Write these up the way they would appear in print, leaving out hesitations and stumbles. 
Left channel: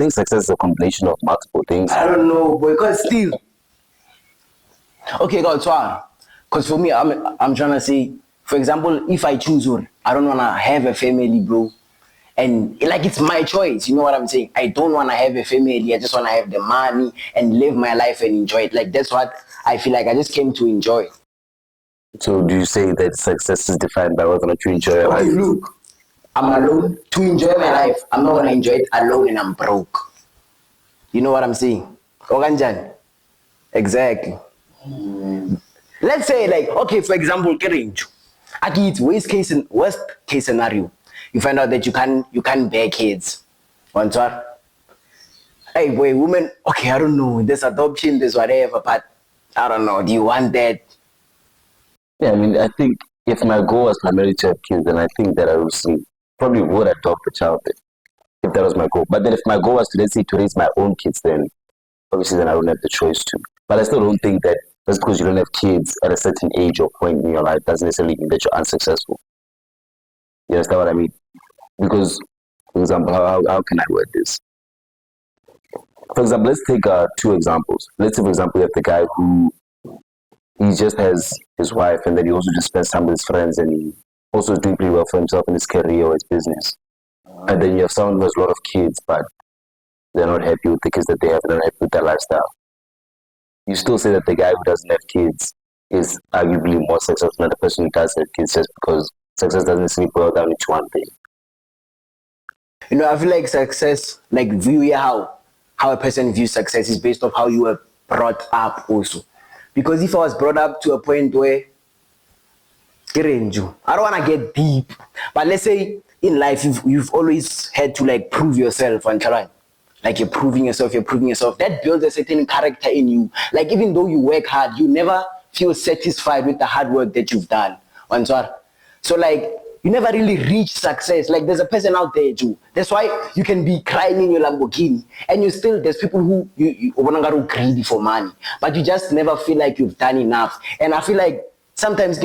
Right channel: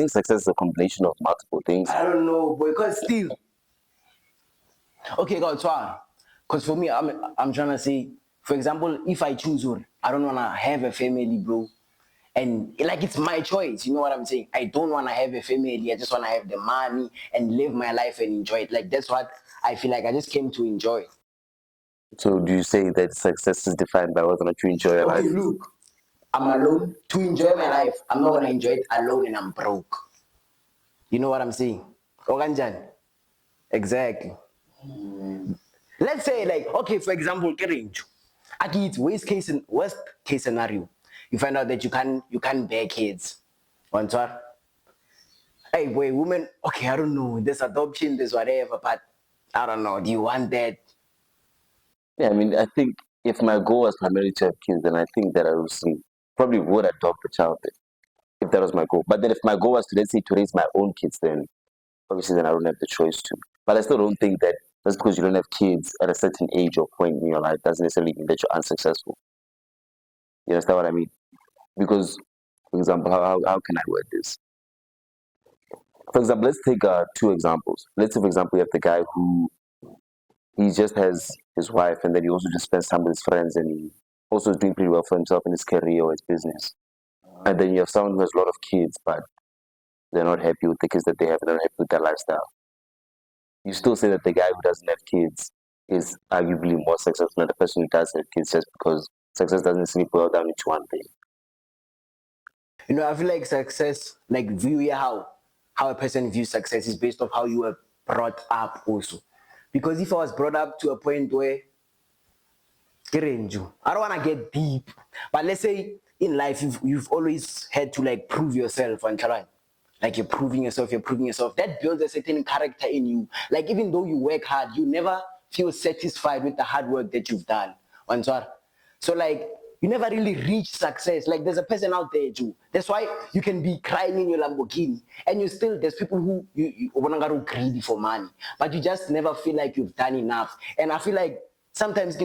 think success is a combination of multiple things. I don't know, boy, because still. Okay, God, so because for me, I'm trying to say, for example, if I choose one, I don't wanna have a family, bro. And like it's my choice, you know what I'm saying? I don't wanna have a family, I just wanna have the money and live my life and enjoy it. Like that's what I feel like I just came to enjoy. So do you say that success is defined by whether or not you enjoy your Okay, life? look, I'm alone to enjoy my life. I'm not gonna enjoy it alone and I'm broke. You know what I'm saying? Oganjan. Exactly. Let's say like, okay, for example, Kerenju. Aki, it's worst case scenario. You find out that you can't bear kids. Answer. Hey boy, women, okay, I don't know. There's adoption, there's whatever, but I don't know. Do you want that? Yeah, I mean, I think if my goal was primarily to have kids, then I think that I probably would adopt a child if that was my goal. But then if my goal was to, let's say, to raise my own kids, then obviously then I wouldn't have the choice to. But I still don't think that just because you don't have kids at a certain age or point in your life doesn't necessarily mean that you're unsuccessful. You understand what I mean? Because, for example, how can I word this? For example, let's take two examples. Let's say, for example, you have the guy who he just has his wife and then he also just spends time with his friends and he also is doing pretty well for himself in his career or his business. And then you have someone who has a lot of kids, but they're not happy with the kids that they have, they're not happy with their lifestyle. You still say that the guy who doesn't have kids is arguably more successful than the person who does have kids just because success doesn't necessarily boil down into one thing. You know, I feel like success, like view how a person views success is based off how you were brought up also. Because if I was brought up to a point where I don't want to get deep, but let's say in life you've always had to like prove yourself and try. Like you're proving yourself. That builds a certain character in you. Like even though you work hard, you never feel satisfied with the hard work that you've done. And so like you never really reach success. Like there's a person out there, Joe. That's why you can be crying in your Lamborghini, and there's people who you greedy for money, but you just never feel like you've done enough. And I feel like sometimes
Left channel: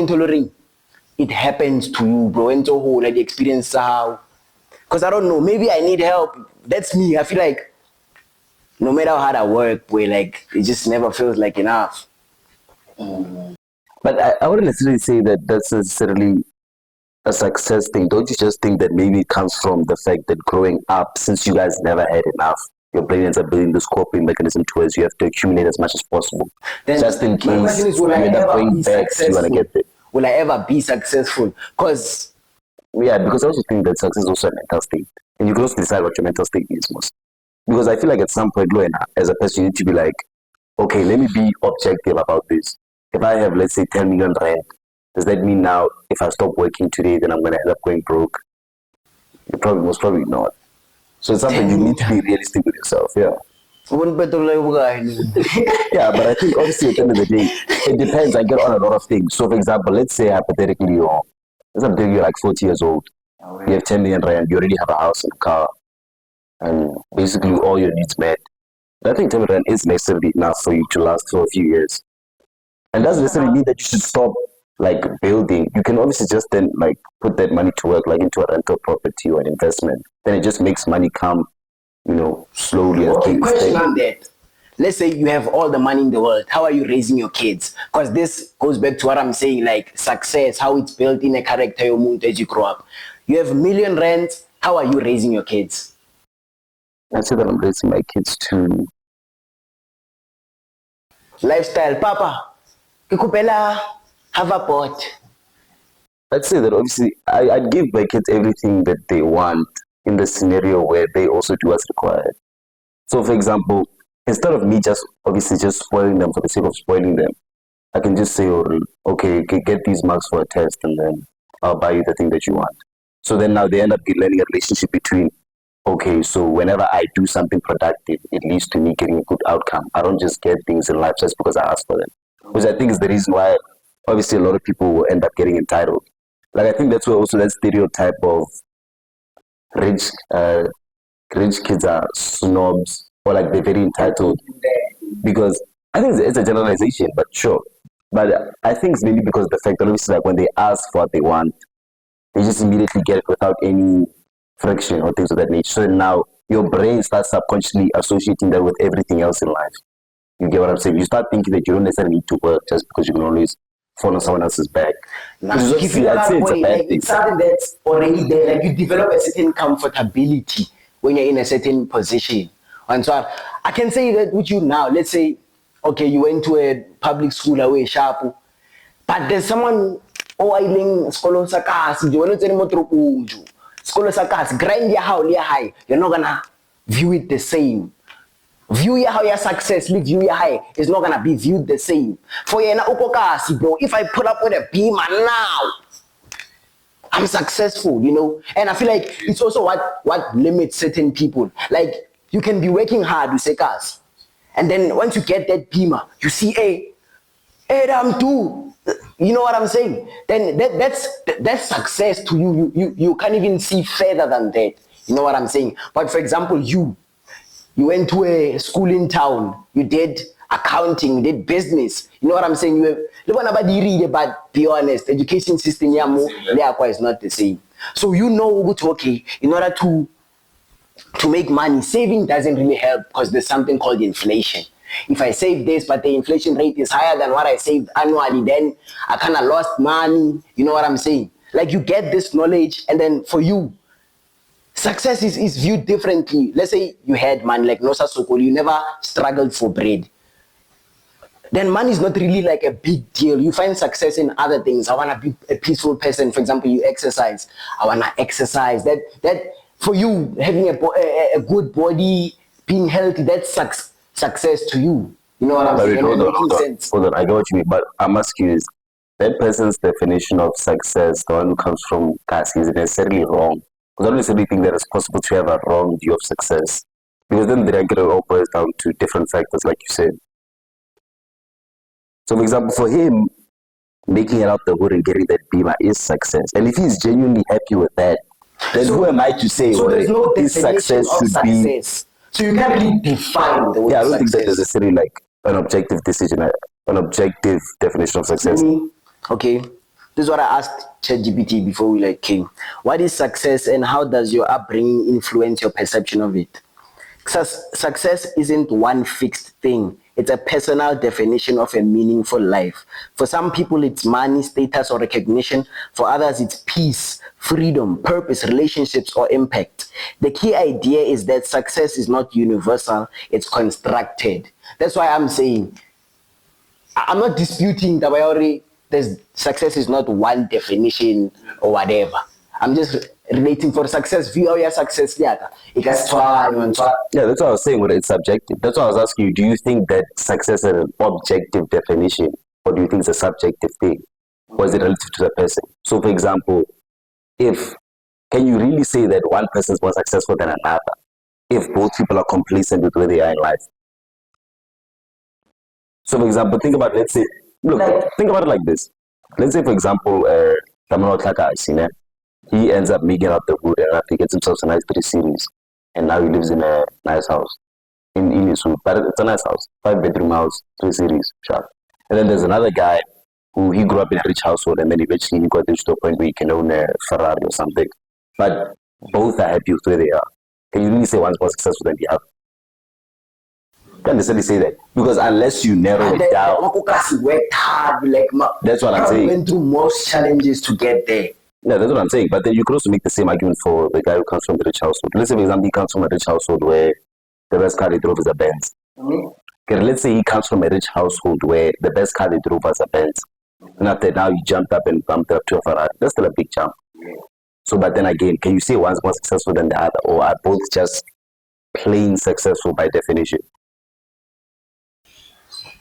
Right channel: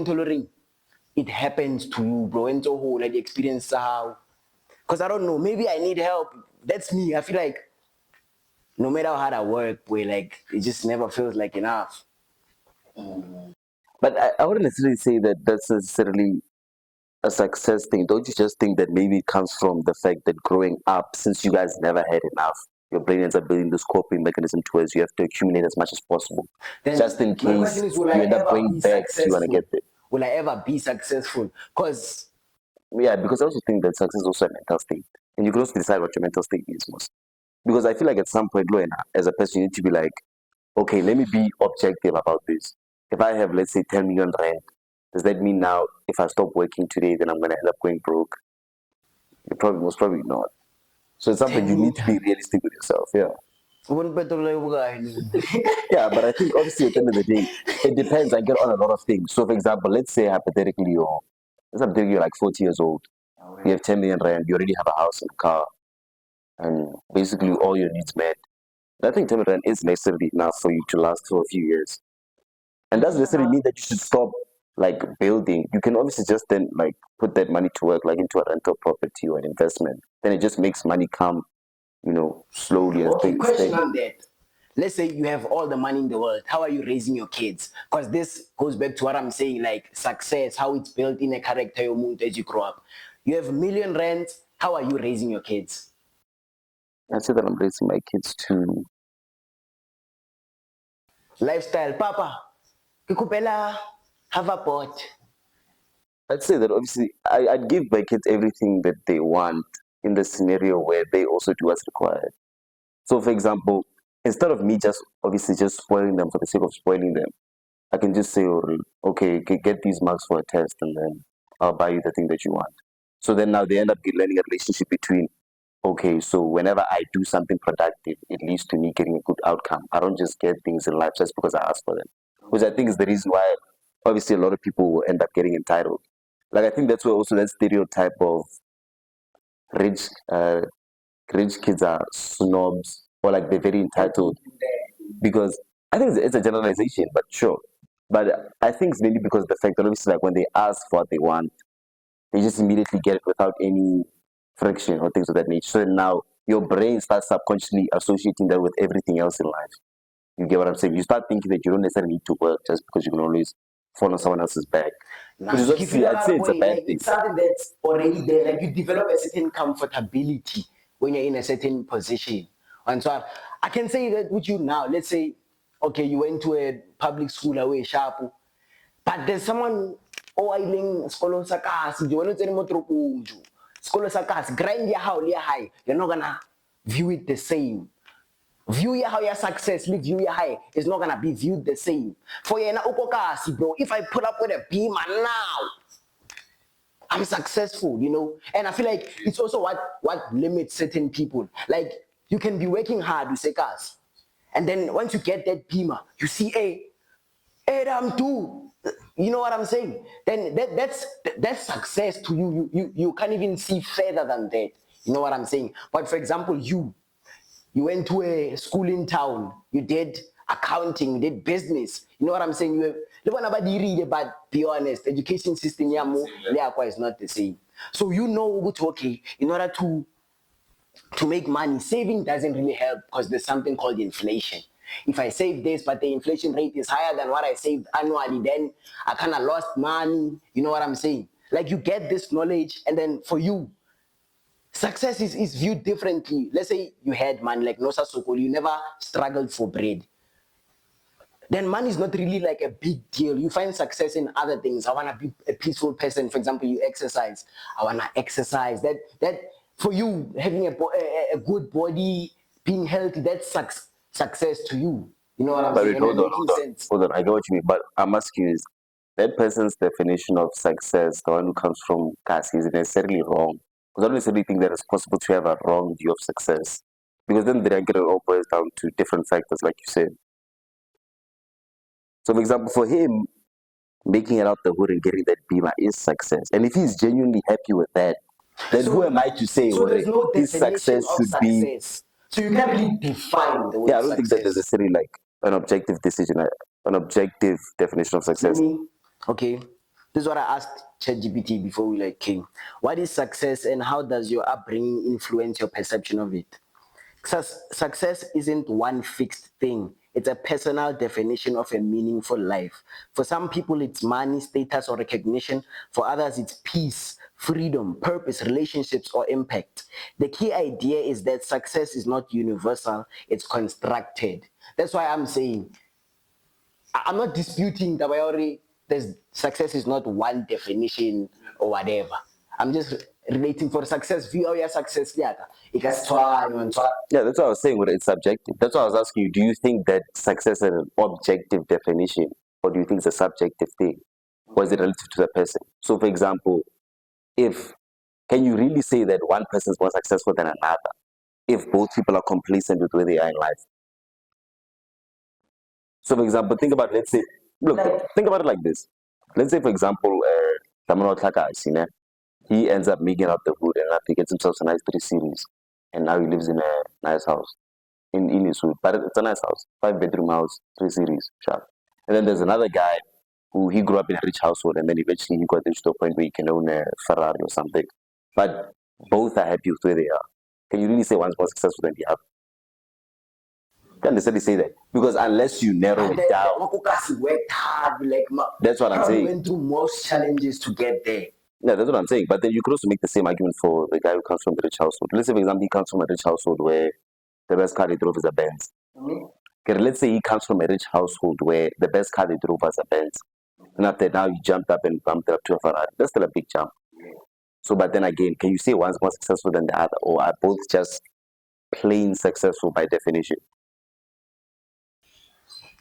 it happens to you, bro. And so like the experience how, because I don't know, maybe I need help. That's me. I feel like no matter how hard I work, boy, like it just never feels like enough. But I wouldn't necessarily say that that's necessarily a success thing. Don't you just think that maybe it comes from the fact that growing up, since you guys never had enough, your brain ends up building this coping mechanism towards you have to accumulate as much as possible. Then just in case you will I end up ever going be back, you want to successful? get there. Will I ever be successful? Because Yeah, because I also think that success is also a mental state. And you can also decide what your mental state is most. Because I feel like at some point, when as a person, you need to be like, okay, let me be objective about this. If I have, let's say, 10 million rand, does that mean now if I stop working today, then I'm going to end up going broke? Most probably not. So it's something you need to be realistic with yourself, yeah. Yeah, but I think obviously at the end of the day, it depends, I get on a lot of things. So for example, let's say hypothetically you're like 40 years old, you have 10 million rand, you already have a house and a car, and basically all your needs met. I think 10 million rand is necessarily enough for you to last for a few years. And doesn't necessarily mean that you should stop like building. You can obviously just then like put that money to work like into a rental property or investment. Then it just makes money come, slowly as things. Question on that. Let's say you have all the money in the world. How are you raising your kids? Because this goes back to what I'm saying, like success, how it's built in a character you mood as you grow up. You have million rands. How are you raising your kids? I say that I'm raising my kids to Lifestyle, Papa. Kikupela, have a pot. I'd say that obviously I'd give my kids everything that they want in the scenario where they also do what's required. So for example, instead of me just obviously just spoiling them for the sake of spoiling them, I can just say, oh, okay, get these marks for a test and then I'll buy you the thing that you want. So then now they end up learning a relationship between, okay, so whenever I do something productive, it leads to me getting a good outcome. I don't just get things in life just because I ask for them. Which I think is the reason why obviously a lot of people will end up getting entitled. Like I think that's where also that stereotype of rich rich kids are snobs or like they're very entitled because I think it's a generalization, but sure. But I think it's maybe because of the fact that obviously like when they ask for what they want, they just immediately get it without any friction or things of that nature. So now your brain starts subconsciously associating that with everything else in life. You get what I'm saying? You start thinking that you don't necessarily need to work just because you can always fall on someone else's back. Now, Which is if obviously, I'd say it's a bad like, thing. it's something that's already there. Like you develop a certain comfortability when you're in a certain position. And so I can say that with you now. Let's say, okay, you went to a public school away sharp, but there's someone oiling skolo sa kasi, di wala tsene mo tropong jo. Skolo sa kasi, grind ya hao le high. You're not gonna view it the same. View ya how your success, view ya high is not gonna be viewed the same. For you na uko kasi, bro. If I pull up with a beamer now, I'm successful, you know. And I feel like it's also what limits certain people. Like you can be working hard, you say cars, and then once you get that beamer, you see, hey, I'm too. You know what I'm saying? Then that's success to you. You can't even see further than that. You know what I'm saying? But for example, you went to a school in town, you did accounting, you did business. You know what I'm saying? But be honest, education system is not the same. So you know, okay, in order to make money, saving doesn't really help because there's something called inflation. If I save this, but the inflation rate is higher than what I saved annually, then I kind of lost money. You know what I'm saying? Like you get this knowledge, and then for you, success is viewed differently. Let's say you had money, like Nosa Sokol, you never struggled for bread. Then money is not really like a big deal. You find success in other things. I want to be a peaceful person. For example, you exercise. I want to exercise. That for you, having a good body, being healthy, that's success to you. You know what I'm saying? Hold on, I know what you mean, but I'm asking you is that person's definition of success, the one who comes from Kasi, is necessarily wrong? Because I don't necessarily think that it's possible to have a wrong view of success. Because then they get it all boils down to different factors, like you said. So, for example, for him, making it out the hood and getting that beamer is success. And if he's genuinely happy with that, then who am I to say there's no his success should be? So you can't really define the word Yeah, I don't success. think that is necessarily like an objective decision, an objective definition of success. Okay, this is what I asked ChatGPT before we came. What is success, and how does your upbringing influence your perception of it? Success isn't one fixed thing. It's a personal definition of a meaningful life. For some people, it's money, status, or recognition. For others, it's peace, freedom, purpose, relationships, or impact. The key idea is that success is not universal, it's constructed. That's why I'm saying, I'm not disputing that success is not one definition or whatever. I'm just relating for success. View how your success it has yeah, that's what I was saying when it's subjective. That's why I was asking you, do you think that success is an objective definition, or do you think it's a subjective thing? Or is it relative to the person? So for example, can you really say that one person is more successful than another if both people are complacent with where they are in life? So for example, think about it, think about it like this. Let's say for example, Tamaro Taka, he ends up making out the hood and after he gets himself a nice 3 series. And now he lives in a nice house in Inisu. But it's a nice house, 5-bedroom house, 3 series, sharp. And then there's another guy who he grew up in a rich household and then eventually he got to a point where he can own a Ferrari or something. But both are happy with where they are. Can you really say one's more successful than the other? Can't necessarily say that because unless you narrow it down, worked hard, that's what I'm saying. Went through most challenges to get there. Yeah, that's what I'm saying. But then you could also make the same argument for the guy who comes from the rich household. Let's say, for example, he comes from a rich household where the best car he drove is a Benz. Okay, let's say he comes from a rich household where the best car he drove was a Benz. Not that now he jumped up and bumped up to a Ferrari. That's still a big jump. So, but then again, can you say one's more successful than the other, or are both just plain successful by definition?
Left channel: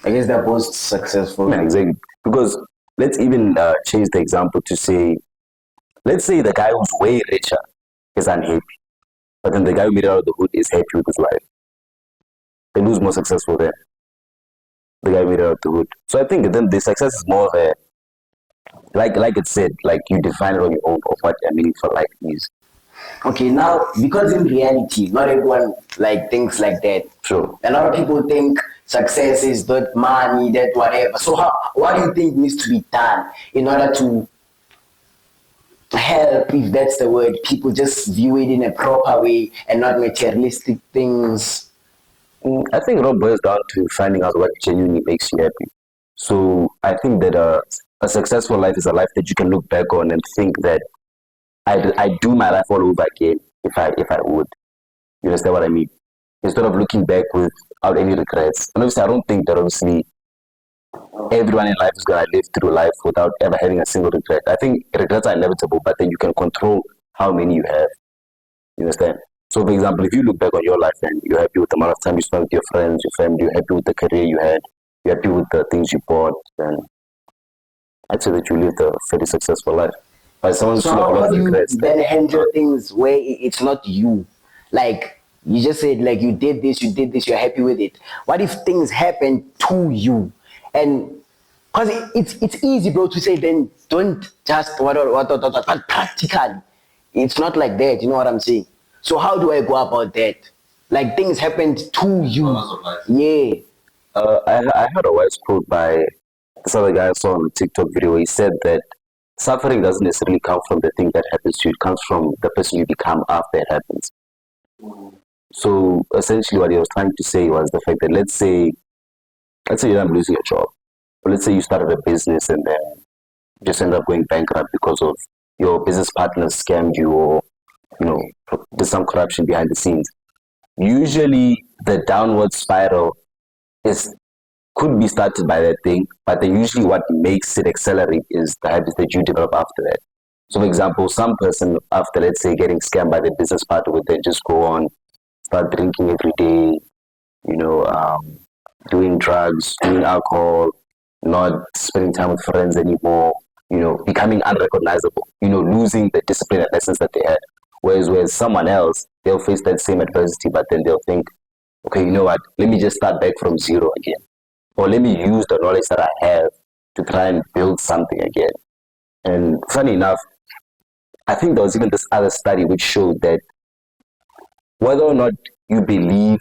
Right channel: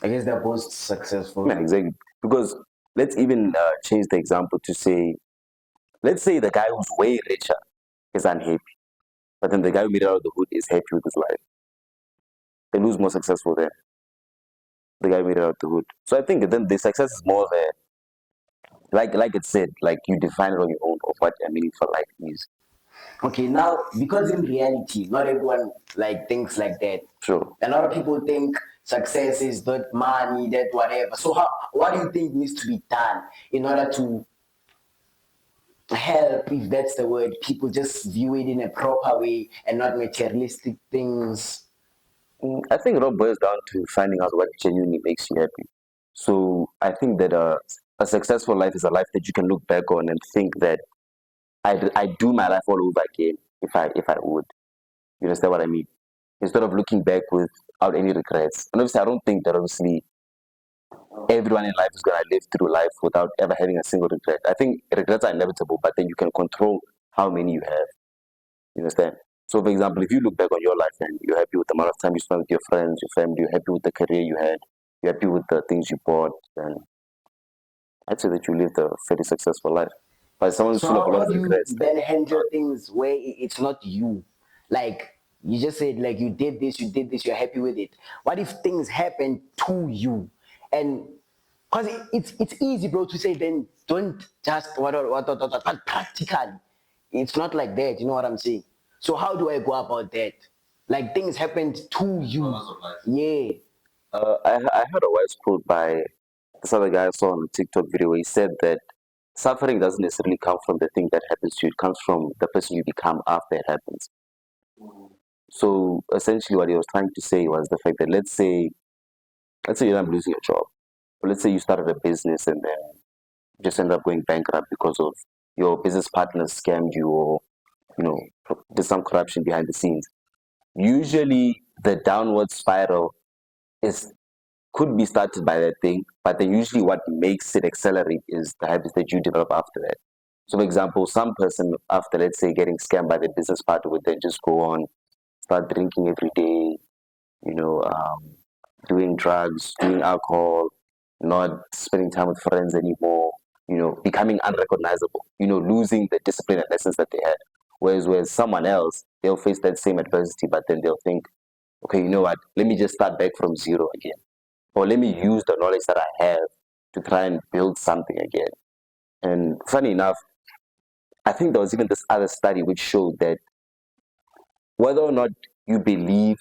I guess they're both successful. Yeah, exactly. Because let's even change the example to say, let's say the guy who's way richer is unhappy, but then the guy who made out of the hood is happy with his life. Then who's more successful there? The guy who made out of the hood. So I think then the success is more of a, like it said, like you define it on your own of what a meaningful life is. Okay, now because in reality, not everyone thinks like that. Sure. A lot of people think success is that money, that whatever. So what do you think needs to be done in order to help, if that's the word, people just view it in a proper way and not materialistic things. I think it all boils down to finding out what genuinely makes you happy. So I think that a successful life is a life that you can look back on and think that I do my life all over again if I would. You understand what I mean? Instead of looking back without any regrets. And obviously, I don't think that obviously everyone in life is gonna live through life without ever having a single regret. I think regrets are inevitable, but then you can control how many you have. You understand? So, for example, if you look back on your life and you're happy with the amount of time you spent with your friends, your family, you're happy with the career you had, you're happy with the things you bought, then I'd say that you lived a very successful life. But someone's So full of a lot how of do you regrets, then then handle things where it's not you? Like you just said, like you did this, you're happy with it. What if things happen to you? And because it's easy, bro, to say then don't just what practically. It's not like that, you know what I'm saying? So how do I go about that? Like things happened to you. Yeah. I heard a wise quote by this other guy I saw on a TikTok video. He said that suffering doesn't necessarily come from the thing that happens to you, it comes from the person you become after it happens. So essentially, what he was trying to say was the fact that let's say you're losing a job, or let's say you started a business and then just end up going bankrupt because of your business partner scammed you or you know did some corruption behind the scenes. Usually, the downward spiral is could be started by that thing, but then usually what makes it accelerate is the habits that you develop after that. So, for example, some person after, let's say, getting scammed by their business partner would then just go on, start drinking every day, you know, doing drugs, doing alcohol, not spending time with friends anymore, you know, becoming unrecognizable, you know, losing the discipline and lessons that they had. Whereas someone else, they'll face that same adversity, but then they'll think, okay, you know what, let me just start back from zero again. Or let me use the knowledge that I have to try and build something again. And funny enough, I think there was even this other study which showed that whether or not you believe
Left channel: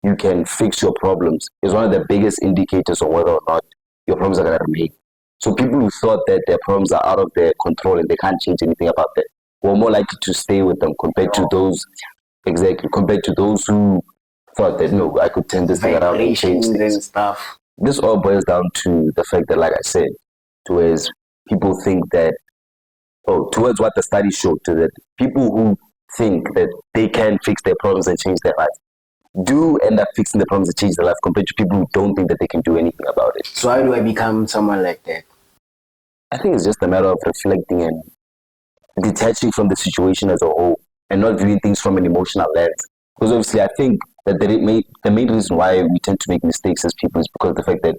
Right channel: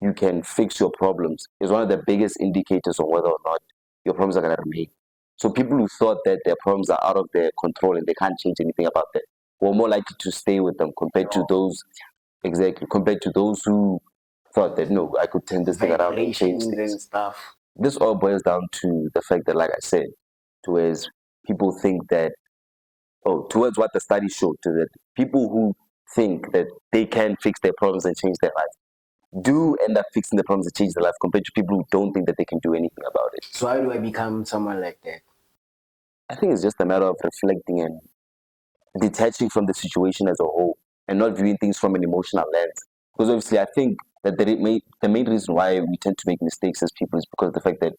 you can fix your problems is one of the biggest indicators of whether or not your problems are going to remain. So people who thought that their problems are out of their control and they can't change anything about that were more likely to stay with them compared to those exactly compared to those who thought that no, I could turn this thing around and change Vibrations and things. stuff. This all boils down to the fact that, like I said, towards people think that, oh, towards what the study showed, to that people who think that they can fix their problems and change their life do end up fixing the problems and change their life compared to people who don't think that they can do anything about it. So how do I become someone like that? I think it's just a matter of reflecting and detaching from the situation as a whole and not viewing things from an emotional lens. Because obviously, I think that the main reason why we tend to make mistakes as people is because of the fact that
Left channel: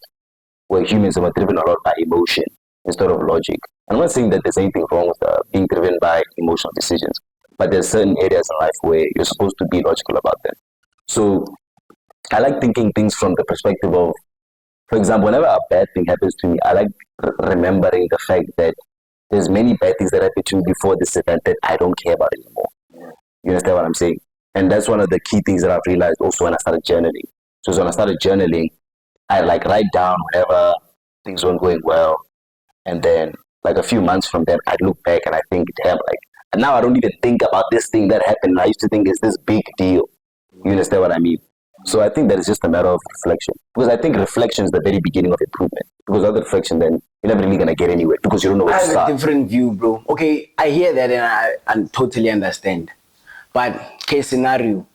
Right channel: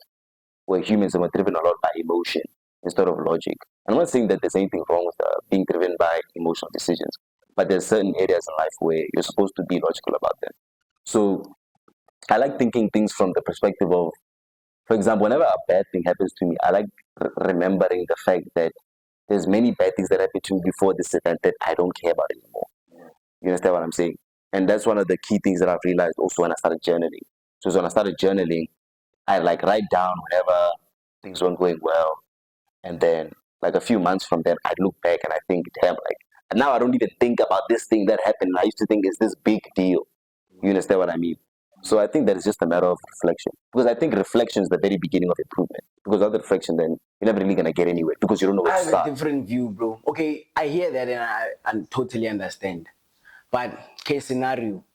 we're humans and we're driven a lot by emotion instead of logic. I'm not saying that there's anything wrong with being driven by emotional decisions, but there's certain areas in life where you're supposed to be logical about them. So I like thinking things from the perspective of, for example, whenever a bad thing happens to me, I like remembering the fact that there's many bad things that happened to me before this event that I don't care about anymore. You understand what I'm saying? And that's one of the key things that I've realized also when I started journaling. So when I started journaling, I like write down whenever things weren't going well, and then like a few months from then, I look back and I think, damn, like, and now I don't even think about this thing that happened. I used to think it's this big deal. You understand what I mean? So I think that it's just a matter of reflection. Because I think reflection is the very beginning of improvement. Because without reflection, then you're never really gonna get anywhere because you don't know I where to have a start. different view, bro. Okay, I hear that and I totally understand. But case scenario,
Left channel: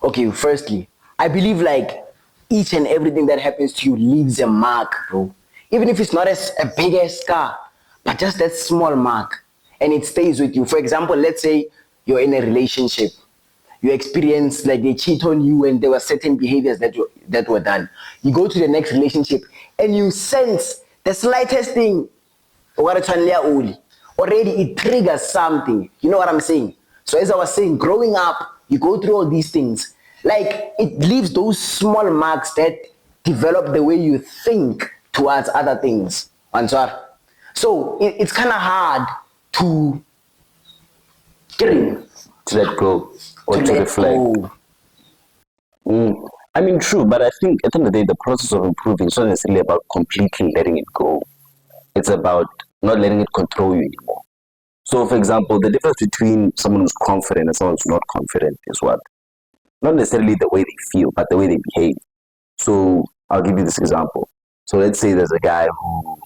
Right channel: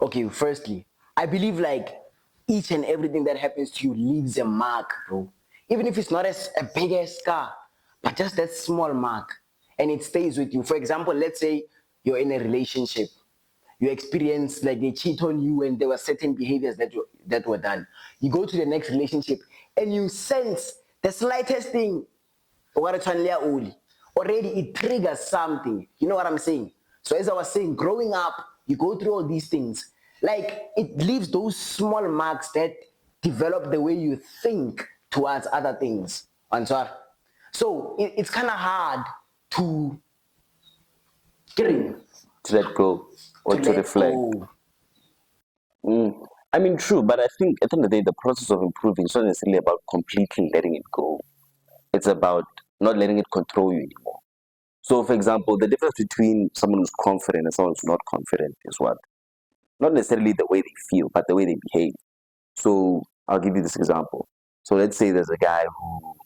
okay, firstly, I believe like each and everything that happens to you leaves a mark, bro. Even if it's not a big ass scar, but just that small mark, and it stays with you. For example, let's say you're in a relationship, you experience like they cheat on you, and there were certain behaviors that were done. You go to the next relationship, and you sense the slightest thing, already it triggers something. You know what I'm saying? So as I was saying, growing up, you go through all these things. Like it leaves those small marks that develop the way you think towards other things. Answer. So it's kind of hard to To let go or to let reflect. go. I mean, true, but I think at the end of the day, the process of improving is not necessarily about completely letting it go. It's about not letting it control you anymore. So, for example, the difference between someone who's confident and someone who's not confident is what? Not necessarily the way they feel, but the way they behave. So, I'll give you this example. So, let's say there's a guy who,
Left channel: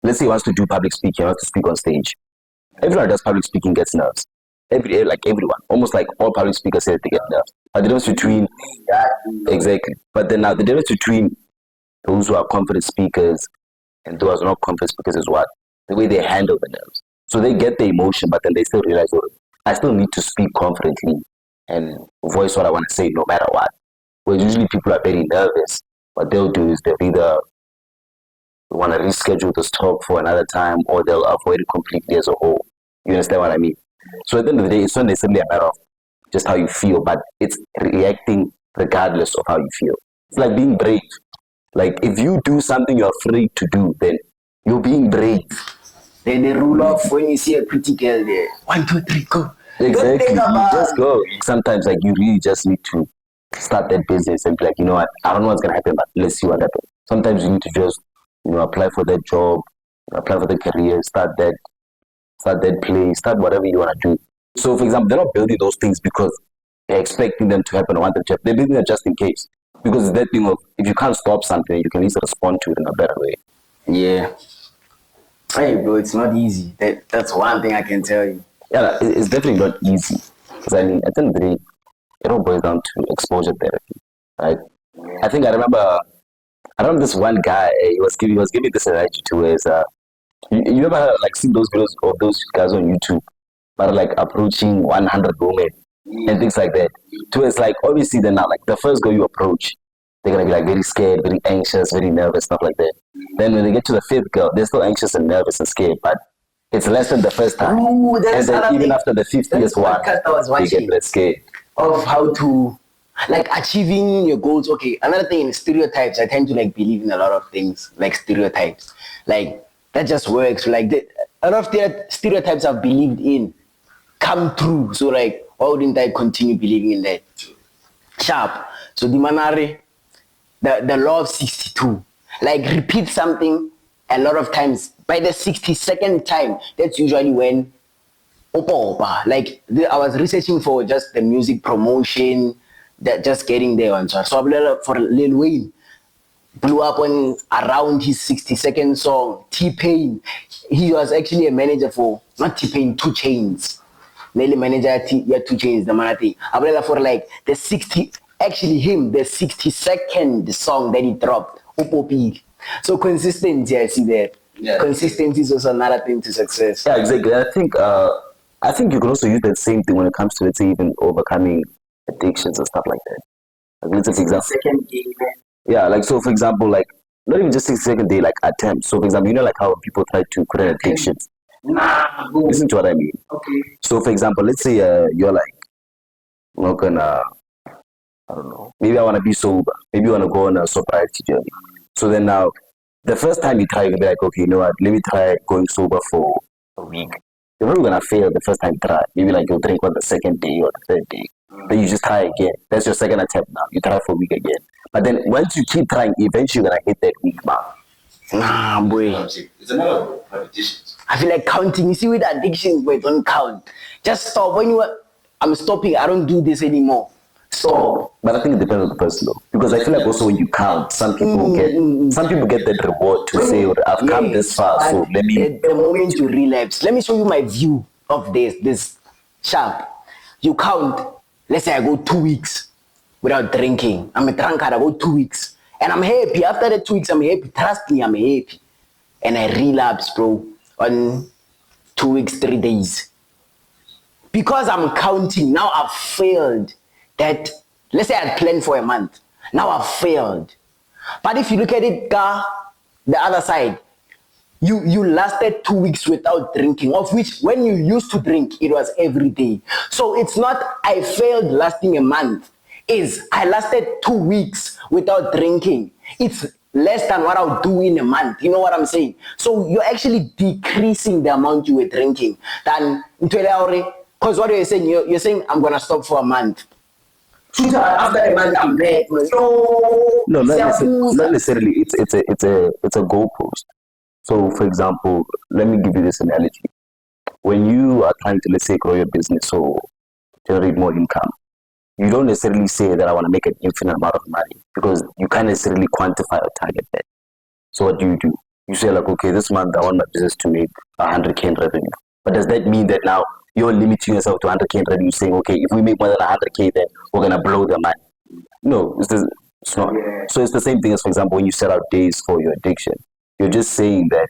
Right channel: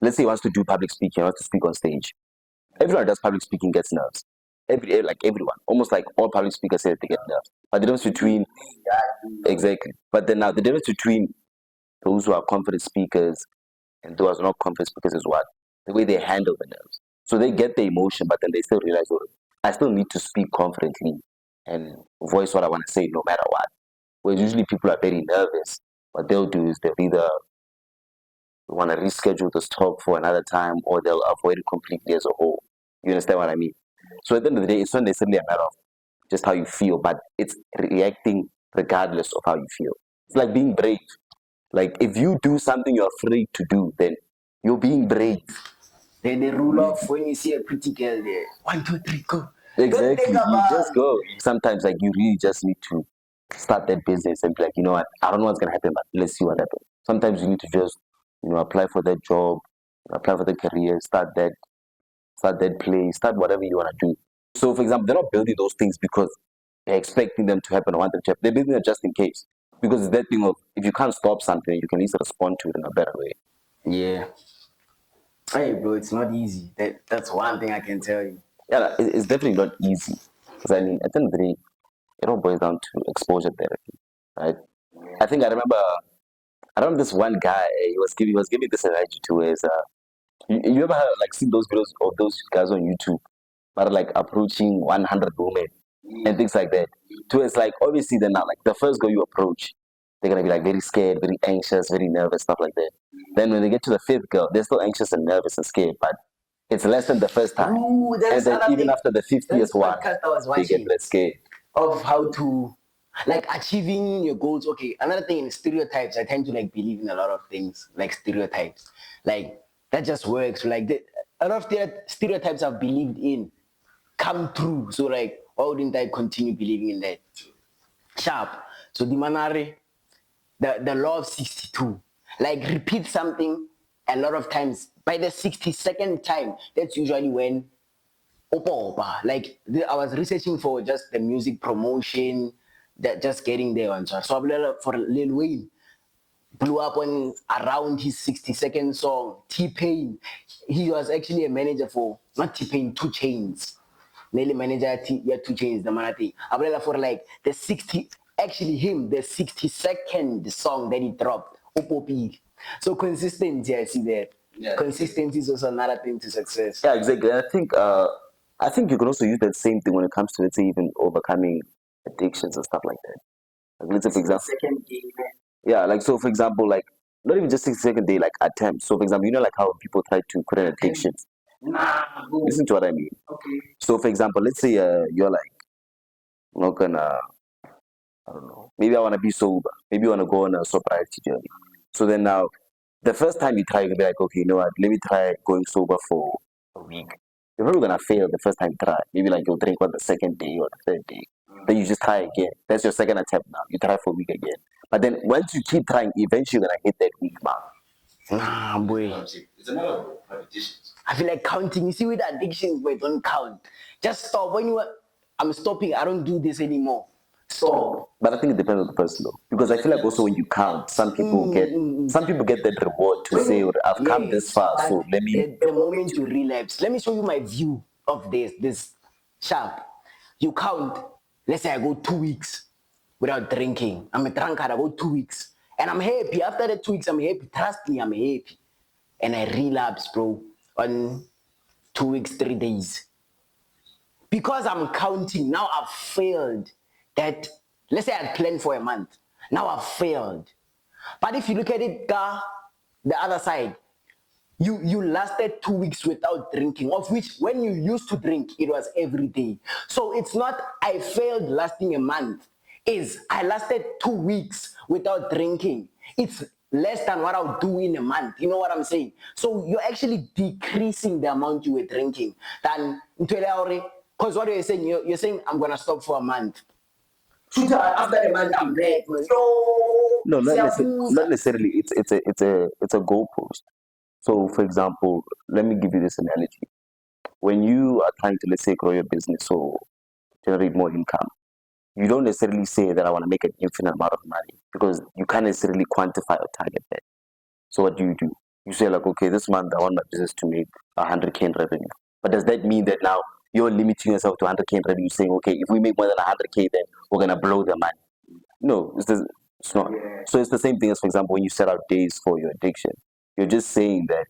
let's say he wants to do public speaking, he wants to speak on stage. Everyone does public speaking gets nerves. Like everyone, almost like all public speakers say they get nerves. But the difference between, exactly. But then now the difference between those who are confident speakers and those who are not confident speakers is what? The way they handle the nerves. So they get the emotion, but then they still realize, oh, I still need to speak confidently and voice what I want to say no matter what. Well, usually people are very nervous. What they'll do is they'll either want to reschedule this talk for another time or they'll avoid it completely as a whole. You understand what I mean? So at the end of the day, it's not necessarily a matter of just how you feel, but it's reacting regardless of how you feel. It's like being brave. Like if you do something you're afraid to do, then you're being brave. Then the rule of when you see a pretty girl there, 1, 2, 3, go. Exactly. You just go. Sometimes like you really just need to start that business and be like, you know what, I don't know what's gonna happen, but let's see what happens. Sometimes you need to just, apply for that job, apply for that career, start that play, start whatever you wanna do. So for example, they're not building those things because they're expecting them to happen or want them to happen. They're building it just in case. Because that thing of if you can't stop something, you can at least respond to it in a better way. Yeah. Hey, bro, it's not easy. That's one thing I can tell you. Yeah, it's definitely not easy. Because I mean, at the end of the day, it all boils down to exposure therapy, right? I think I remember this one guy. He was giving this analogy to his. You ever like see those videos of those guys on YouTube, like approaching 100 women and things like that. So it's like obviously they're not like the first girl you approach, they're gonna be like very scared, very anxious, very nervous, stuff like that. Then when they get to the fifth girl, they're still anxious and nervous and scared, but it's less than the first time. Ooh, and then even after the 50th one, they get less scared. Of how to like achieving your goals. Okay, another thing in stereotypes, I tend to like believe in a lot of things like stereotypes. Like that just works. Like a lot of the stereotypes I've believed in come true. So like, why wouldn't I continue believing in that? Sharp. So the manare, the law of 62. Like repeat something a lot of times. By the 62nd time, that's usually when opa. Like I was researching for just the music promotion, that just getting there on. So for Lil Wayne, blew up on around his 62nd song. T-Pain, he was actually a manager for not T-Pain, 2 Chainz. Nelly manager 2 Chainz, the Marati. I for like the 62nd song that he dropped. Opo. So consistency, I see that. Yeah. Consistency is also another thing to success. Yeah, exactly. I think you can also use that same thing when it comes to, let's say, even overcoming addictions and stuff like that. Like, let's say, for example, Second day. yeah, like so for example, like not even just 6 second day, like attempts. So for example, like how people try to quit addictions. Listen to what I mean. Okay. So for example, let's say you're like not gonna, I don't know, maybe I wanna be sober. Maybe you wanna go on a sobriety journey. So then now the first time you try, you'll be like, okay, you know what, let me try going sober for a week. You're probably gonna fail the first time you try. Maybe like you'll drink on the second day or the third day. Then you just try again. That's your second attempt now. You try for a week again. But then once you keep trying, eventually you're gonna hit that week mark. Nah, boy. It's another addiction. I feel like counting. You see, with addictions, boy, don't count. Just stop. When I'm stopping. I don't do this anymore. Stop. But I think it depends on the person though. Because I feel like also when you count, some people get that reward to say, oh, I've come this far, so let me. The moment you relapse, let me show you my view of this sharp. You count. Let's say I go 2 weeks without drinking. I'm a drunkard. I go 2 weeks, and I'm happy. After the 2 weeks, I'm happy. Trust me, I'm happy. And I relapse, bro, on 2 weeks, 3 days. Because I'm counting, now I've failed. That, let's say I planned for a month. Now I've failed. But if you look at it, the other side, you lasted 2 weeks without drinking, of which when you used to drink, it was every day. So it's not I failed lasting a month. I lasted 2 weeks without drinking. It's less than what I'll do in a month. You know what I'm saying? So you're actually decreasing the amount you were drinking. Because what you're saying, you're saying I'm gonna stop for a month. After a month, I'm back. No, not necessarily. It's a goalpost. So, for example, let me give you this analogy. when you are trying to, let's say, grow your business or generate more income, you don't necessarily say that I want to make an infinite amount of money because you can't necessarily quantify or target that. So what do? You say like, okay, this month I want my business to make 100K in revenue. But does that mean that now you're limiting yourself to 100K in revenue, saying, okay, if we make more than 100K, then we're gonna blow the money? No, it's not. So it's the same thing as, for example, when you set out days for your addiction. You're just saying that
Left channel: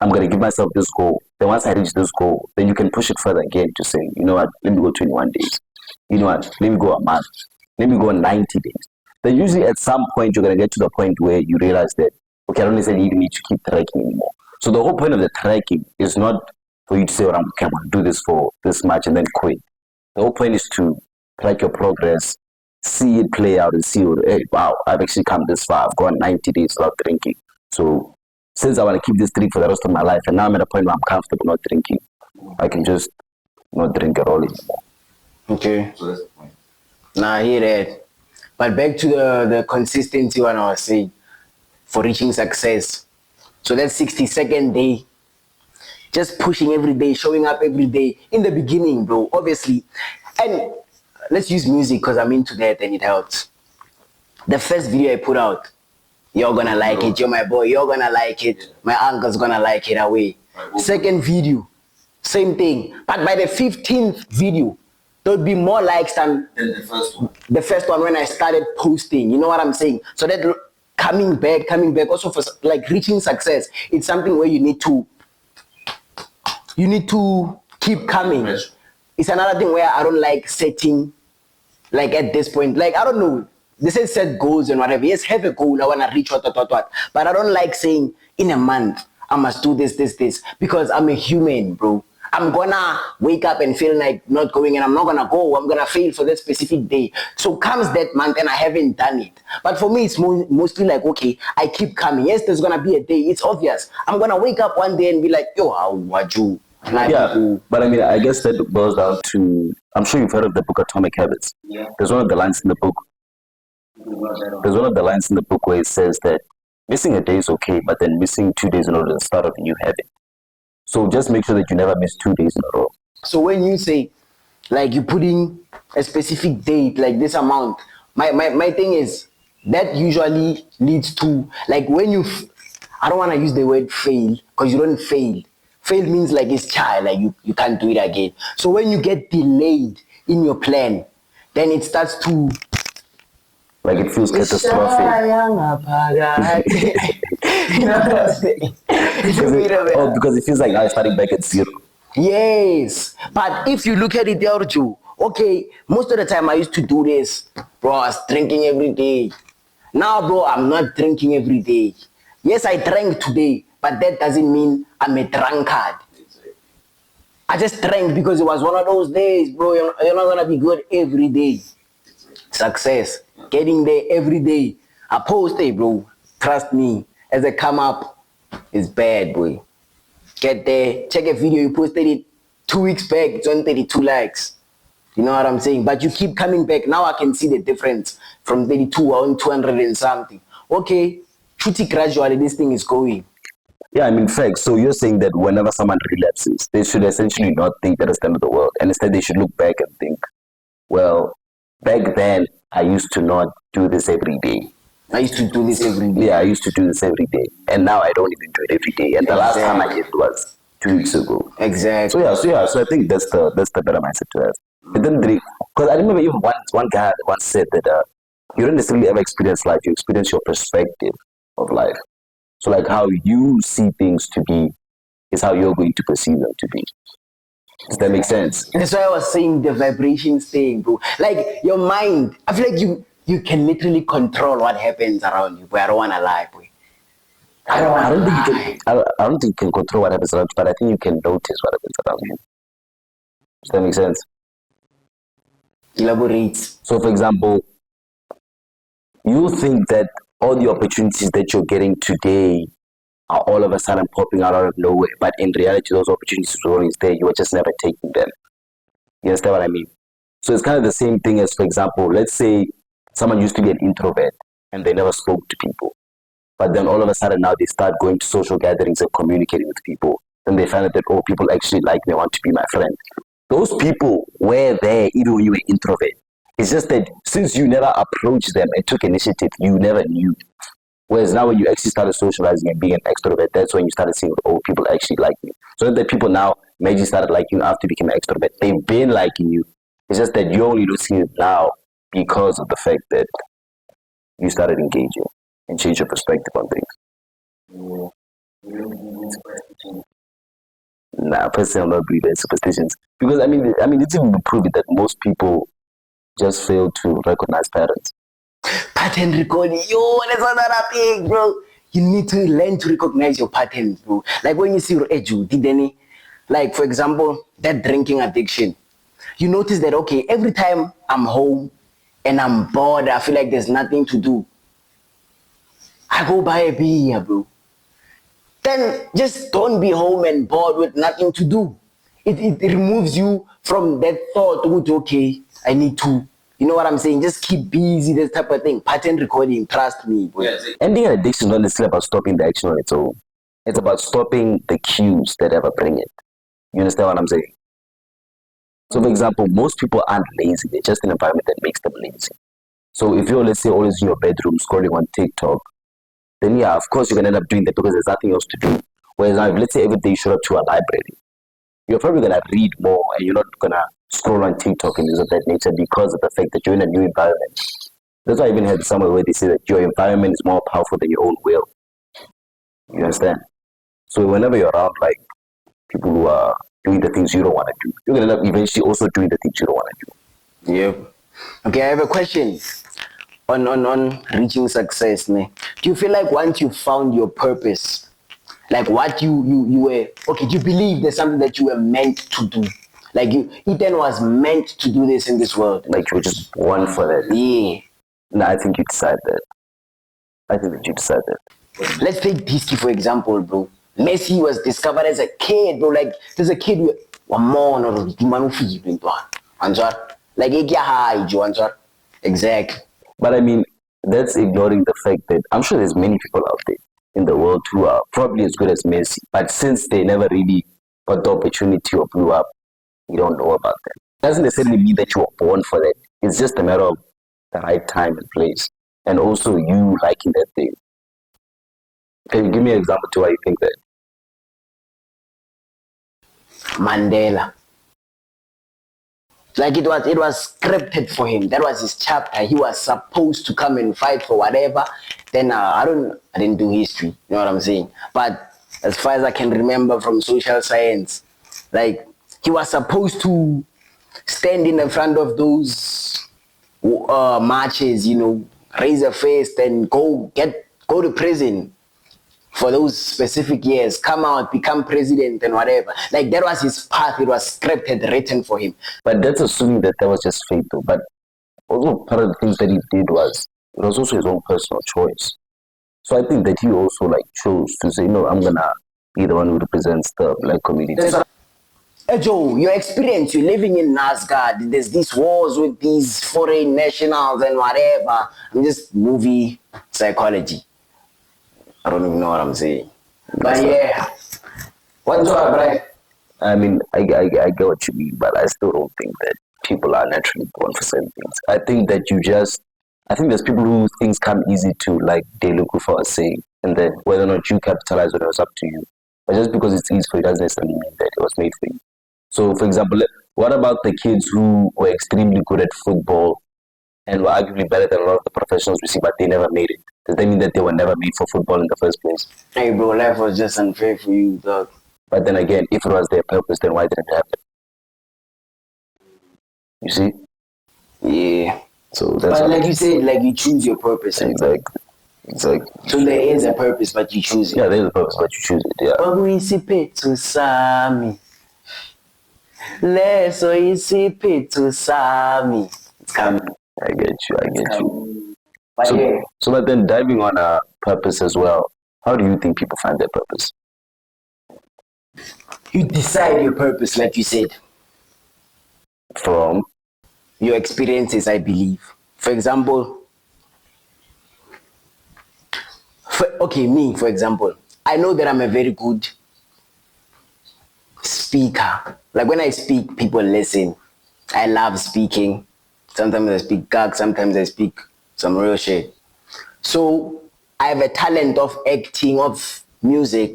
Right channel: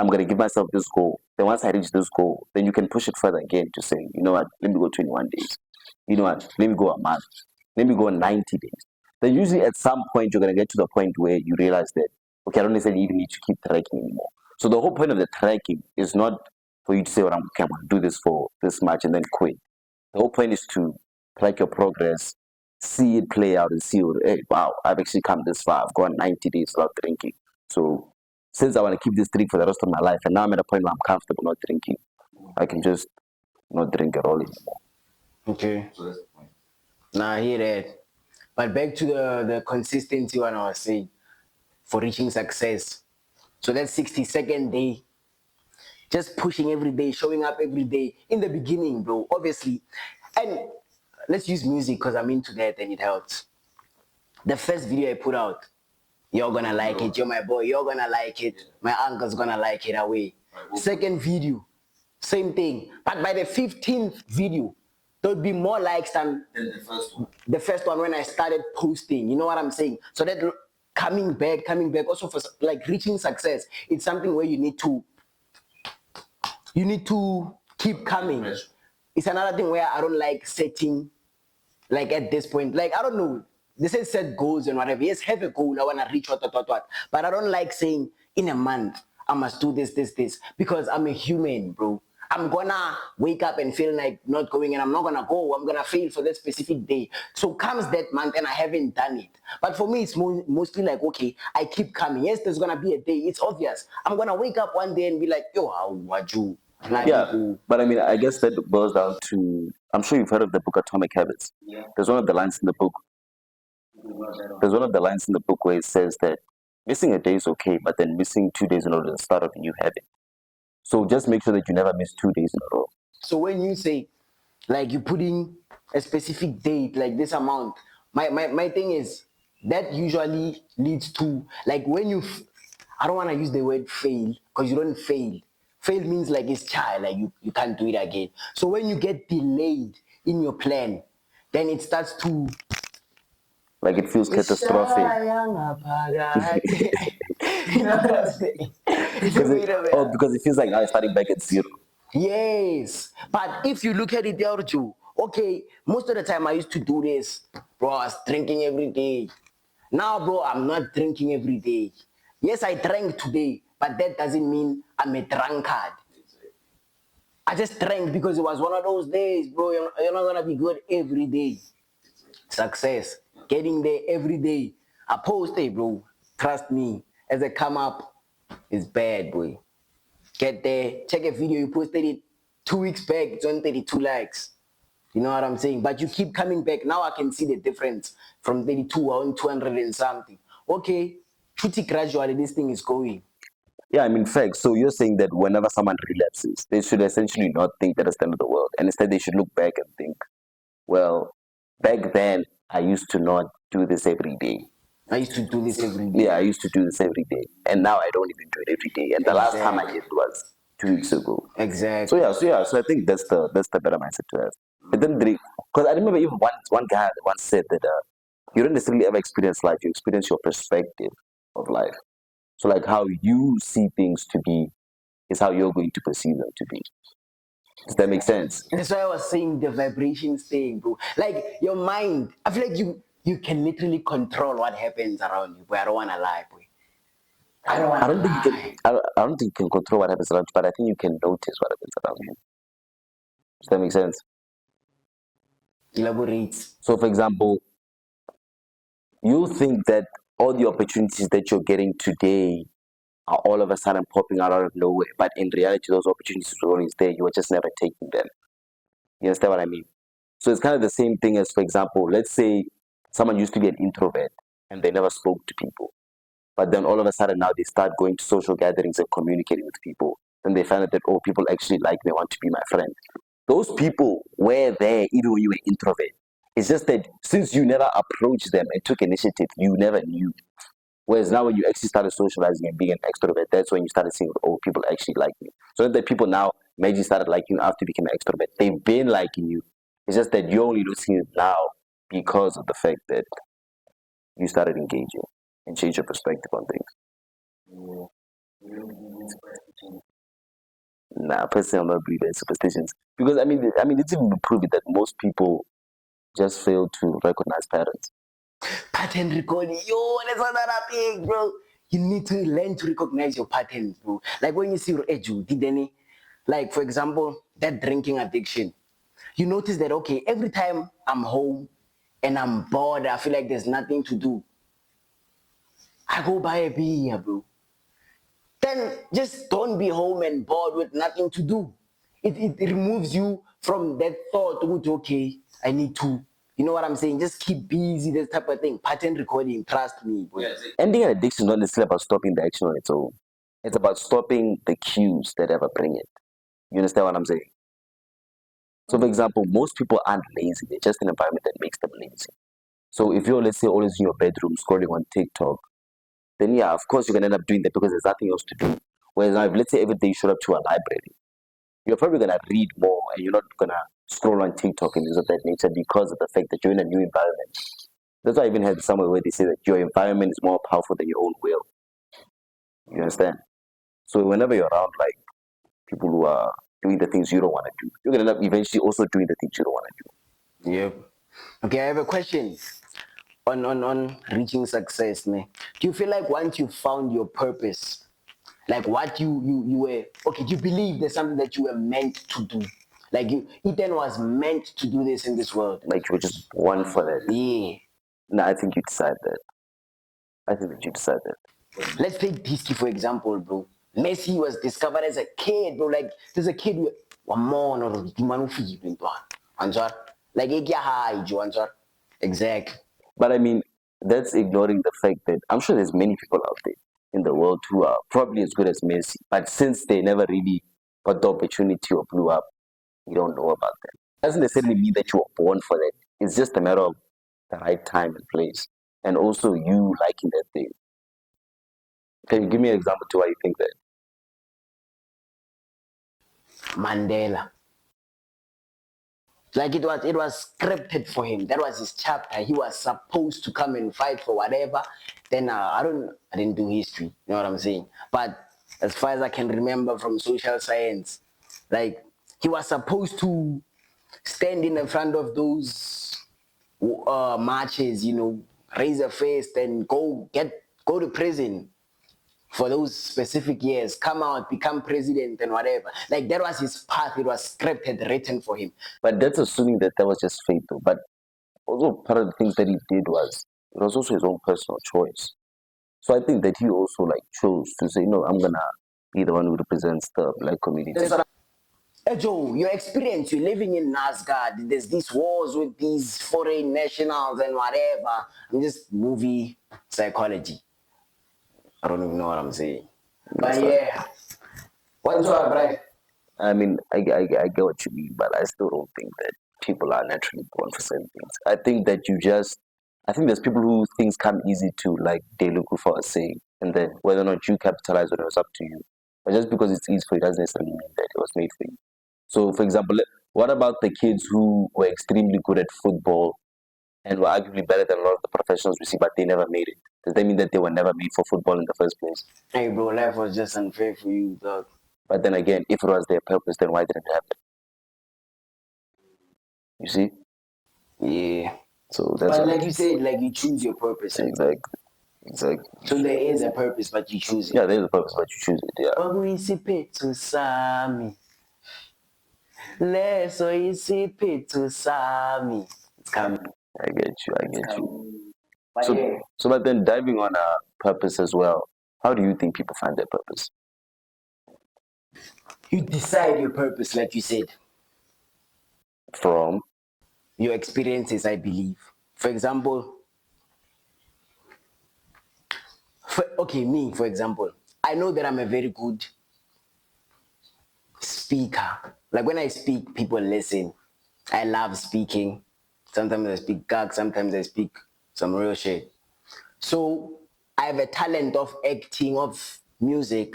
I'm going to give myself this goal. Then once I reach this goal, then you can push it further again to say, you know what, let me go 21 days. You know what, let me go a month. Let me go 90 days. Then usually at some point, you're going to get to the point where you realize that, okay, I don't necessarily even need to keep tracking anymore. So the whole point of the tracking is not for you to say, well, okay, I'm going to do this for this much and then quit. The whole point is to track your progress, see it play out and see, hey, wow, I've actually come this far. I've gone 90 days without drinking. So since I want to keep this drink for the rest of my life, and now I'm at a point where I'm comfortable not drinking, I can just not drink at all anymore. Okay. So that's the point. Nah, I hear that. But back to the consistency one I was saying for reaching success. So that 60-second day, just pushing every day, showing up every day. In the beginning, bro, obviously. And let's use music because I'm into that and it helps. The first video I put out, you're gonna like it. You're my boy. You're gonna like it. My uncle's gonna like it away. Second video, same thing. But by the 15th video, there'll be more likes than Then the first one. the first one when I started posting. You know what I'm saying? So that coming back, also for like reaching success, it's something where you need to keep coming. It's another thing where I don't like setting, like at this point, like I don't know. They say set goals and whatever. Yes, have a goal. I wanna reach what. But I don't like saying in a month I must do this, because I'm a human, bro. I'm gonna wake up and feel like not going, and I'm not gonna go. I'm gonna fail for that specific day. So comes that month and I haven't done it. But for me, it's mostly like, okay, I keep coming. Yes, there's gonna be a day. It's obvious. I'm gonna wake up one day and be like, yo, how would you? Yeah, but I mean, I guess that boils down to, I'm sure you've heard of the book Atomic Habits. Yeah. There's one of the lines in the book. There's one of the lines in the book where it says that missing a day is okay, but then missing 2 days in order to start off a new habit. So just make sure that you never miss 2 days in a row. So when you say, like, you put in a specific date, like this amount, my thing is, that usually leads to, like, when you, I don't want to use the word fail, because you don't fail. Fail means like it's child, like you can't do it again. So when you get delayed in your plan, then it starts to, like it feels catastrophic. You know what I'm saying? Oh, because it feels like I'm starting back at zero. Yes, but if you look at it, Elju, okay, most of the time I used to do this, bro, I was drinking every day. Now, bro, I'm not drinking every day. Yes, I drank today, but that doesn't mean I'm a drunkard. I just drank because it was one of those days, bro. You're not gonna be good every day. Success, getting there every day. I post it, bro. Trust me, as they come up, it's bad, boy. Get there, check a video, you posted it 2 weeks back, it's on 32 likes. You know what I'm saying? But you keep coming back. Now I can see the difference from 32 on 200 and something. Okay, pretty gradually this thing is going. Yeah, I mean, facts. So you're saying that whenever someone relapses, they should essentially not think that it's the end of the world. And instead, they should look back and think, well, back then, I used to not do this every day. I used to do this every day. Yeah, I used to do this every day. And now I don't even do it every day. And the last time I did was 2 weeks ago. Exactly. So I think that's the better mindset to have. And then because I remember even one guy once said that you don't necessarily ever experience life, you experience your perspective of life. So like how you see things to be is how you're going to perceive them to be. Does that make sense? That's why I was saying the vibrations thing, bro. Like your mind, I feel like you can literally control what happens around you, but I don't wanna lie, boy. I don't think you can control what happens around you, but I think you can notice what happens around you. Does that make sense? Elaborate. So for example, you think that all the opportunities that you're getting today are all of a sudden popping out of nowhere, but in reality those opportunities were always there, you were just never taking them. You understand what I mean? So it's kind of the same thing as, for example, let's say someone used to be an introvert and they never spoke to people. But then all of a sudden now they start going to social gatherings and communicating with people. Then they find out that, oh, people actually like me, want to be my friend. Those people were there even when you were introvert. It's just that since you never approached them and took initiative, you never knew. Whereas now when you actually started socializing and being an extrovert, that's when you started seeing, oh, people actually like you. So that people now maybe started liking you after you became an extrovert. They've been liking you. It's just that you're only losing it now because of the fact that you started engaging and changed your perspective on things. Nah, personally, I'm not believe in superstitions because I mean, it's even proven that most people just fail to recognize patterns. Pattern recording, yo, that's another thing, bro. You need to learn to recognize your patterns, bro. Like when you see Eju, did any, like for example, that drinking addiction. You notice that okay, every time I'm home and I'm bored, I feel like there's nothing to do. I go buy a beer, bro. Then just don't be home and bored with nothing to do. It removes you from that thought, okay, I need to, you know what I'm saying? Just keep busy, that type of thing. Pattern recording, trust me, bro. Ending an addiction is not necessarily about stopping the action on its own. It's about stopping the cues that ever bring it. You understand what I'm saying? So, for example, most people aren't lazy. They're just in an environment that makes them lazy. So, if you're, let's say, always in your bedroom scrolling on TikTok, then yeah, of course, you're going to end up doing that because there's nothing else to do. Whereas, now, let's say every day you show up to a library, you're probably going to read more and you're not going to scroll on TikTok and things of that nature because of the fact that you're in a new environment. That's why I even had somewhere where they say that your environment is more powerful than your own will. You understand? So whenever you're around like people who are doing the things you don't want to do, you'll end up eventually also doing the things you don't want to do. Yep. Okay, I have a question on reaching success. Ne? Do you feel like once you found your purpose, like what you were, okay, do you believe there's something that you were meant to do? Like Eden was meant to do this in this world. Like you were just born for that. Yeah. No, I think you decide that. I think that you decide that. Let's take Disky for example, bro. Messi was discovered as a kid, bro. Like there's a kid with one more or like exactly. But I mean, that's ignoring the fact that I'm sure there's many people out there in the world who are probably as good as Messi, but since they never really got the opportunity or blew up, you don't know about them. It doesn't necessarily mean that you were born for that. It's just a matter of the right time and place, and also you liking that thing. Can you give me an example to why you think that? Mandela. Like it was scripted for him. That was his chapter. He was supposed to come and fight for whatever. Then I didn't do history. You know what I'm saying? But as far as I can remember from social science, like he was supposed to stand in the front of those marches, you know, raise a fist and go to prison for those specific years, come out, become president and whatever. Like that was his path. It was scripted, written for him. But that's assuming that was just fate, though. But also part of the things that he did was it was also his own personal choice. So I think that he also like chose to say, I'm gonna be the one who represents the black community. Hey Joe, your experience, you're living in Nazgard, there's these wars with these foreign nationals and whatever. And this movie psychology. I don't even know what I'm saying. But yeah. What's up, right? I mean, I get what you mean, but I still don't think that people are naturally born for certain things. I think there's people who things come easy to, like they look for a saying, and then whether or not you capitalize on it was up to you. But just because it's easy for you doesn't necessarily mean that it was made for you. So, for example, what about the kids who were extremely good at football and were arguably better than a lot of the professionals we see, but they never made it? Does that mean that they were never made for football in the first place? Hey, bro, life was just unfair for you, dog. But then again, if it was their purpose, then why didn't it happen? You see? Yeah. So that's but like you said, like you choose your purpose. Exactly. So there is a purpose, but you choose it. Yeah, there's a purpose, but you choose it. Yeah. It's coming. I get you. So then diving on a purpose as well, how do you think people find their purpose? You decide your purpose, like you said. From your experiences, I believe. For example, me, for example, I know that I'm a very good speaker. Like when I speak, people listen. I love speaking. Sometimes I speak gag, sometimes I speak some real shit. So I have a talent of acting, of music,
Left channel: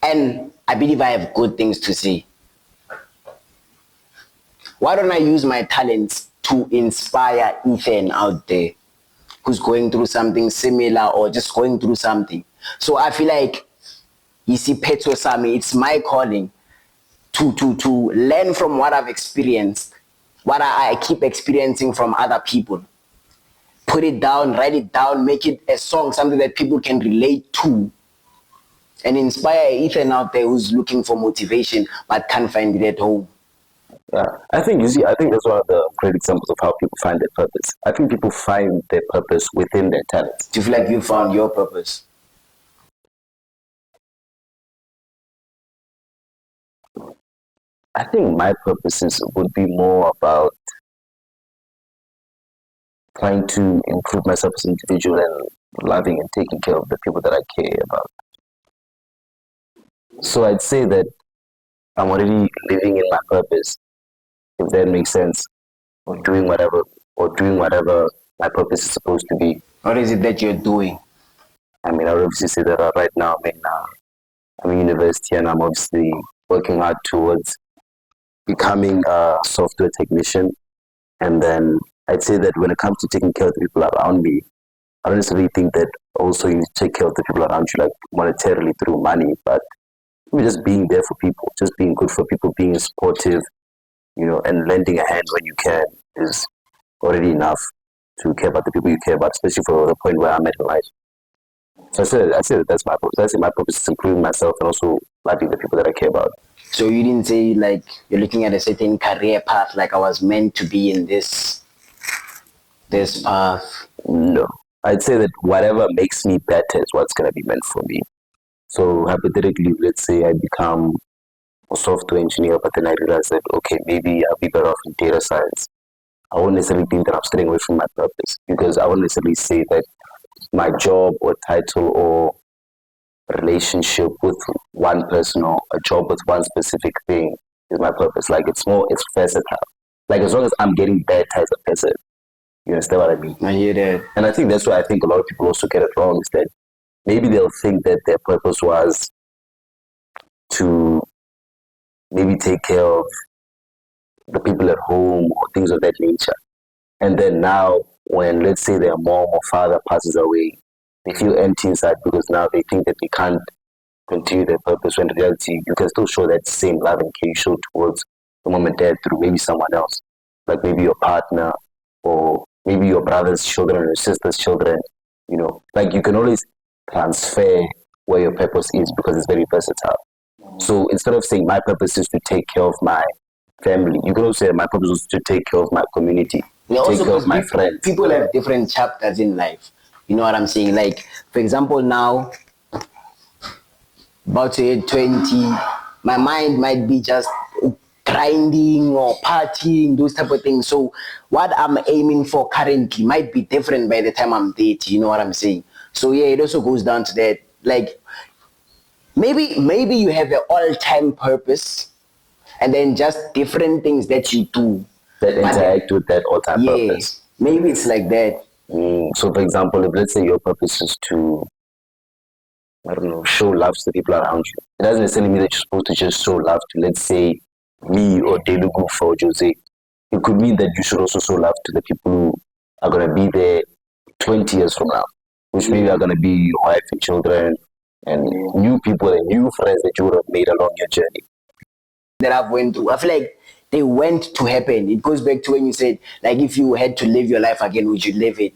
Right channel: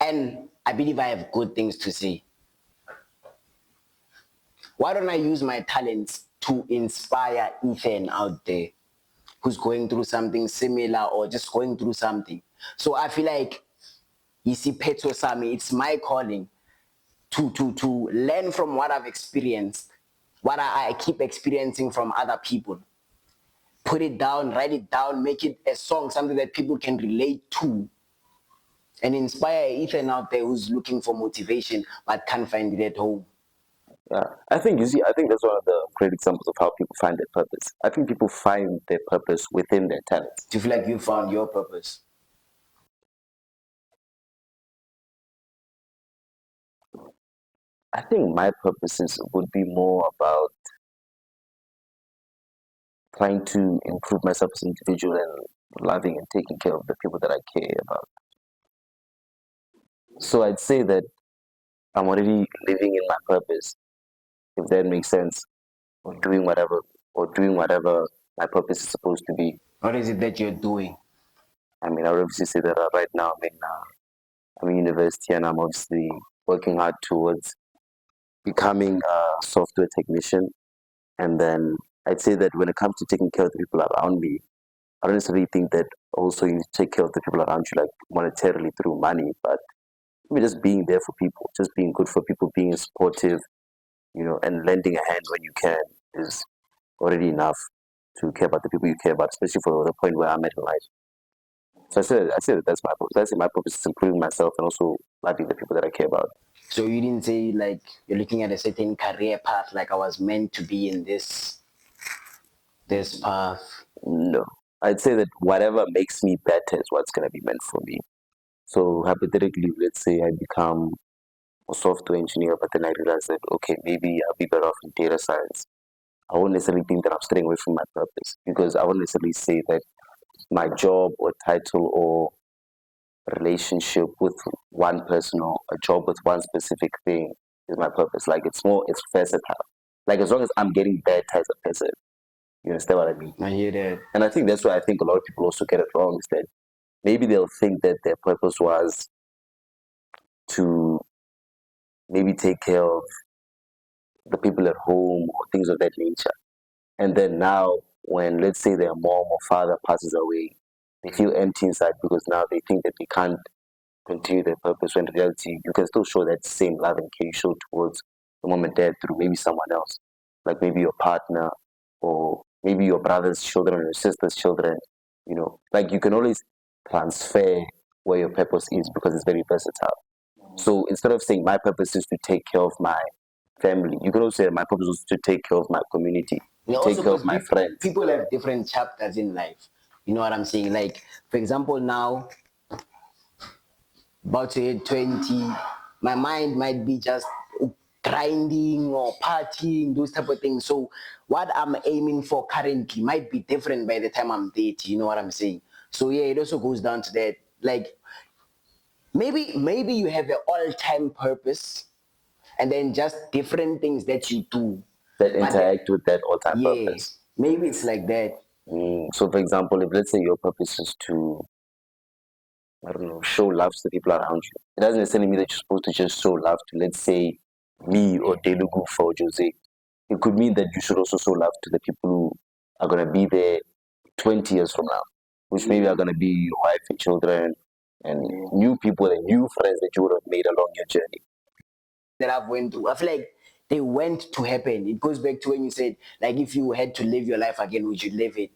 and I believe I have good things to say. Why don't I use my talents to inspire Ethan out there who's going through something similar or just going through something? So I feel like, you see, Petro Sami, it's my calling to learn from what I've experienced, what I keep experiencing from other people. Put it down, write it down, make it a song, something that people can relate to, and inspire Ethan out there who's looking for motivation but can't find it at home. Yeah, I think you see, I think that's one of the great examples of how people find their purpose. I think people find their purpose within their talents. Do you feel like you found your purpose? I think my purposes would be more about trying to improve myself as an individual and loving and taking care of the people that I care about. So I'd say that I'm already living in my purpose, if that makes sense, or doing whatever my purpose is supposed to be. What is it that you're doing? I mean, I would obviously say that right now I'm in university and I'm obviously working hard towards becoming a software technician. And then I'd say that when it comes to taking care of the people around me, I don't necessarily think that also you need to take care of the people around you like monetarily through money, but just being there for people, just being good for people, being supportive, and lending a hand when you can is already enough to care about the people you care about, especially for the point where I'm at in life. So I said that's my purpose. I say my purpose is improving myself and also loving the people that I care about. So you didn't say like you're looking at a certain career path, like I was meant to be in this path. No. I'd say that whatever makes me better is what's going to be meant for me. So hypothetically, let's say I become a software engineer, but then I realize that, okay, maybe I'll be better off in data science. I won't necessarily think that I'm staying away from my purpose because I won't necessarily say that my job or title or relationship with one person or a job with one specific thing is my purpose. Like it's versatile. Like as long as I'm getting better as a person, you understand what I mean? I hear that. And I think that's why I think a lot of people also get it wrong is that maybe they'll think that their purpose was to maybe take care of the people at home or things of that nature. And then now, when let's say their mom or father passes away, they feel empty inside because now they think that they can't continue their purpose when in reality you can still show that same love and care you show towards the mom and dad through maybe someone else, like maybe your partner or maybe your brother's children or your sister's children. Like you can always transfer where your purpose is because it's very versatile. So instead of saying my purpose is to take care of my family, you can also say my purpose is to take care of my community, Yeah, take also care of my because friends. people have different chapters in life. You know what I'm saying? Like, for example, now, about to hit 20, my mind might be just grinding or partying, those type of things. So what I'm aiming for currently might be different by the time I'm 30, you know what I'm saying? So yeah, it also goes down to that. Like, maybe you have an all-time purpose and then just different things that you do. That interact with that all-time Yeah, purpose. maybe it's like that. So, for example, if let's say your purpose is to, I don't know, show love to the people around you, it doesn't necessarily mean that you're supposed to just show love to, let's say, me or Delugu for Jose. It could mean that you should also show love to the people who are going to be there 20 years from now, which maybe are going to be your wife and children and new people and new friends that you would have made along your journey. That I've went through. I feel like they went to happen. It goes back to when you said, like, if you had to live your life again, would you live it?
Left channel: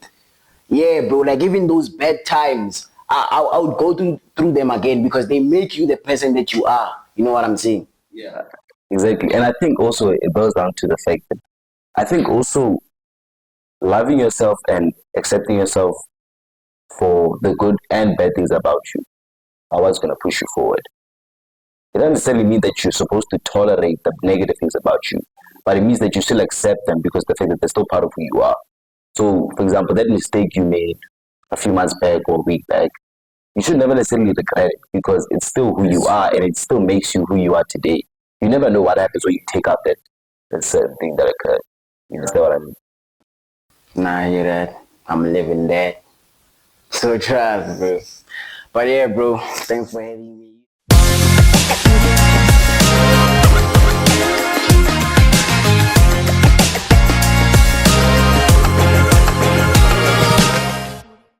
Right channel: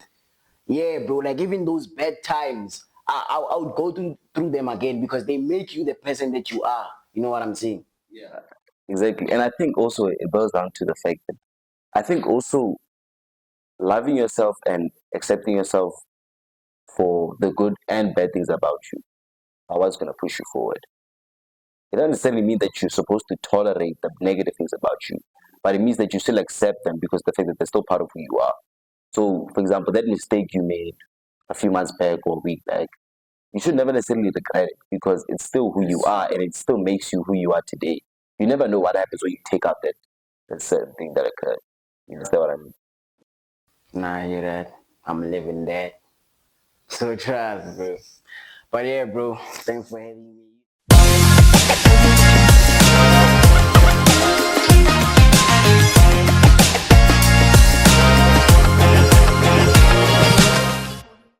Yeah, bro. Like, even those bad times, I would go through them again because they make you the person that you are. You know what I'm saying? Yeah, exactly. And I think also it boils down to the fact that I think also loving yourself and accepting yourself for the good and bad things about you are what's going to push you forward. It doesn't necessarily mean that you're supposed to tolerate the negative things about you, but it means that you still accept them because the fact that they're still part of who you are. So, for example, that mistake you made a few months back or a week back, you should never necessarily regret it because it's still who you are and it still makes you who you are today. You never know what happens when you take out that certain thing that occurred. You understand what I mean? Nah, I hear that. I'm living that. So trust, bro. But yeah, bro, thanks for having me.